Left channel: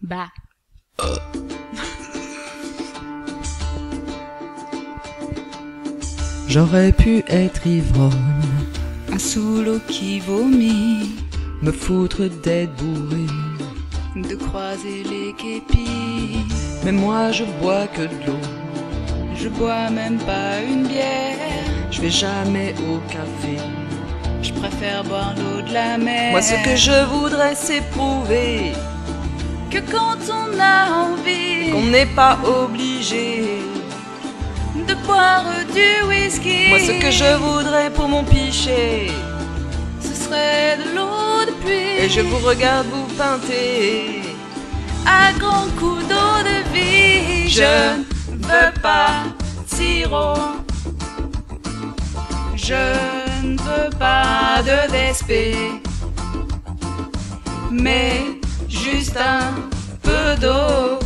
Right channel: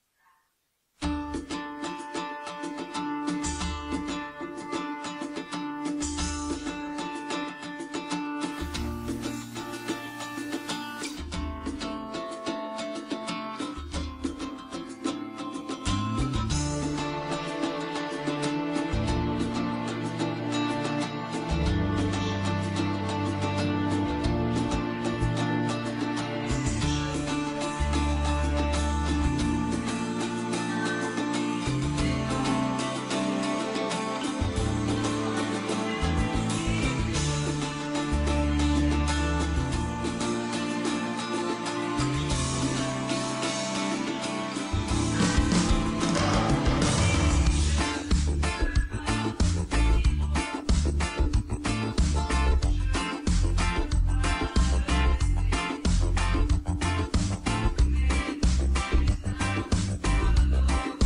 Bah. J'aurais pu être ivrogne, Un sous-l'eau qui vomit, me foutre d'être bourré. de croiser les képis. Mais moi je bois que de l'eau, Je bois même pas une bière. je vais jamais au café. Je préfère boire l'eau de la mer. Moi ce que je voudrais c'est prouver que quand on a envie qu'on n'est pas obligé. de boire du whisky, Moi ce que je voudrais pour mon pichet, ce serait de l'eau de pluie. et je vous regarde vous pinter. À grands coups d'eau de vie. Je veux pas sirop. Je ne veux pas de DSP, mais juste un peu d'eau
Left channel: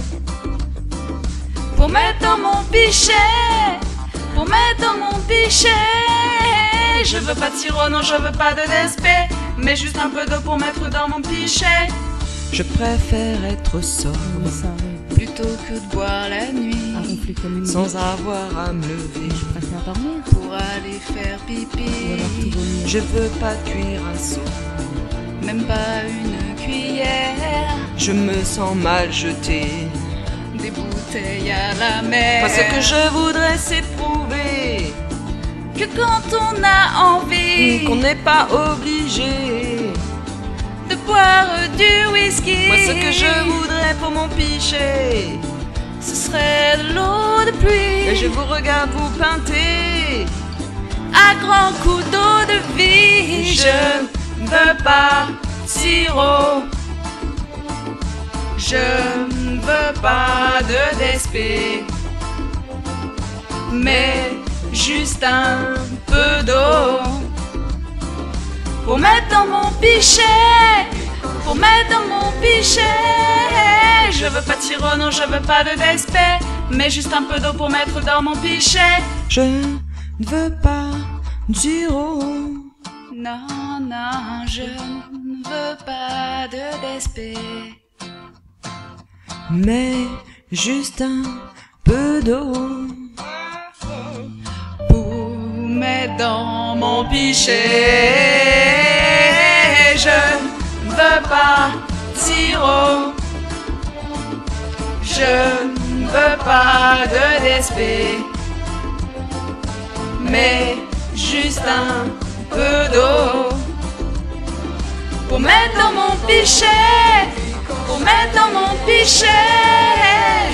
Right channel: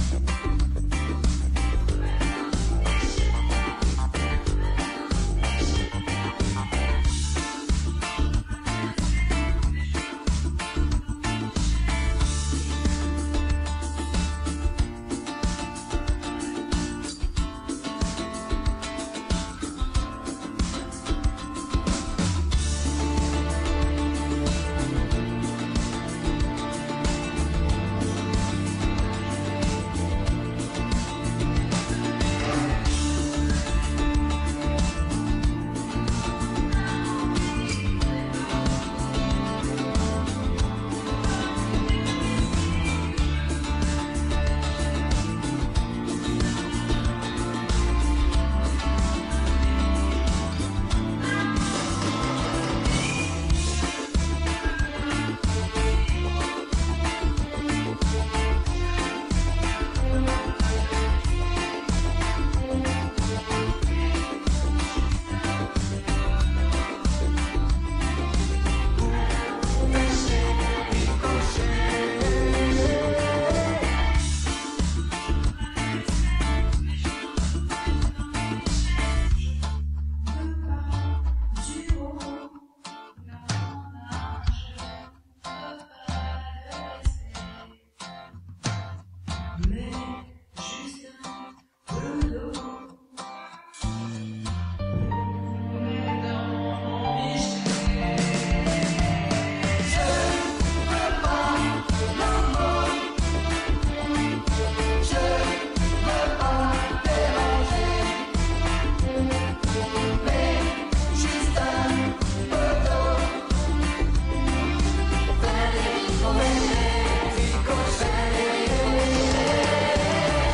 pour mettre dans mon pichet, pour mettre dans mon pichet. Je veux pas de sirop, non, je veux pas de DSP, mais juste un peu d'eau pour mettre dans mon pichet. Je préfère être sobre Plutôt que de boire la nuit sans avoir à me lever. pour aller faire pipi. Je veux pas cuire un seau, Même pas une cuillère. je me sens mal jeté. Des bouteilles à la mer. Moi ce que je voudrais c'est prouver que quand on a envie qu'on n'est pas obligé. de boire du whisky, Moi ce que je voudrais pour mon pichet, ce serait de l'eau de pluie. et je vous regarde vous pinter. À grands coups d'eau de vie. Je ne veux pas sirop. Je ne veux pas de DSP, mais juste un peu d'eau pour mettre dans mon pichet, pour mettre dans mon pichet. Je veux pas de sirop, non, je veux pas de DSP, mais juste un peu d'eau pour mettre dans mon pichet. Je ne veux pas d'iro, Non, non, je ne veux pas de DSP, mais juste un peu d'eau pour mettre dans mon pichet. Je ne veux pas de sirop. Je ne veux pas de DSP, mais juste un peu d'eau pour mettre dans mon pichet, pour mettre dans mon pichet.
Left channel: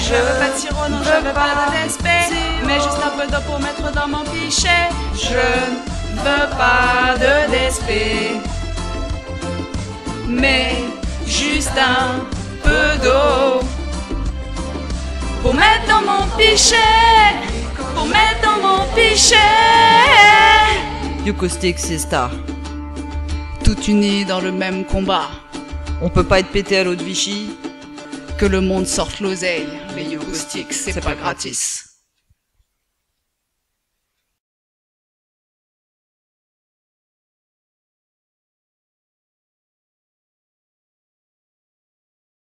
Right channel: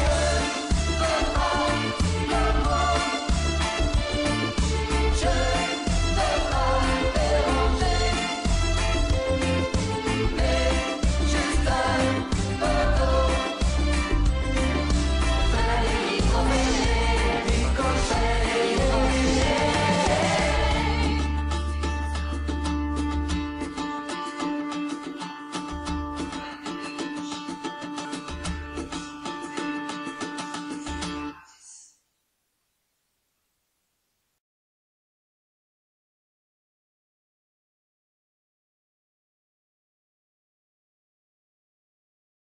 Je veux pas de sirop, non, je veux pas de DSP, mais juste un peu d'eau pour mettre dans mon pichet. Je ne veux pas de DSP, mais juste un peu d'eau pour mettre dans mon pichet, pour mettre dans mon pichet. Yucaustic Siesta. Tout unis dans le même combat, On peut pas être pété à l'eau de Vichy. que le monde sorte l'oseille. Les Yugo Sticks, c'est pas gratis.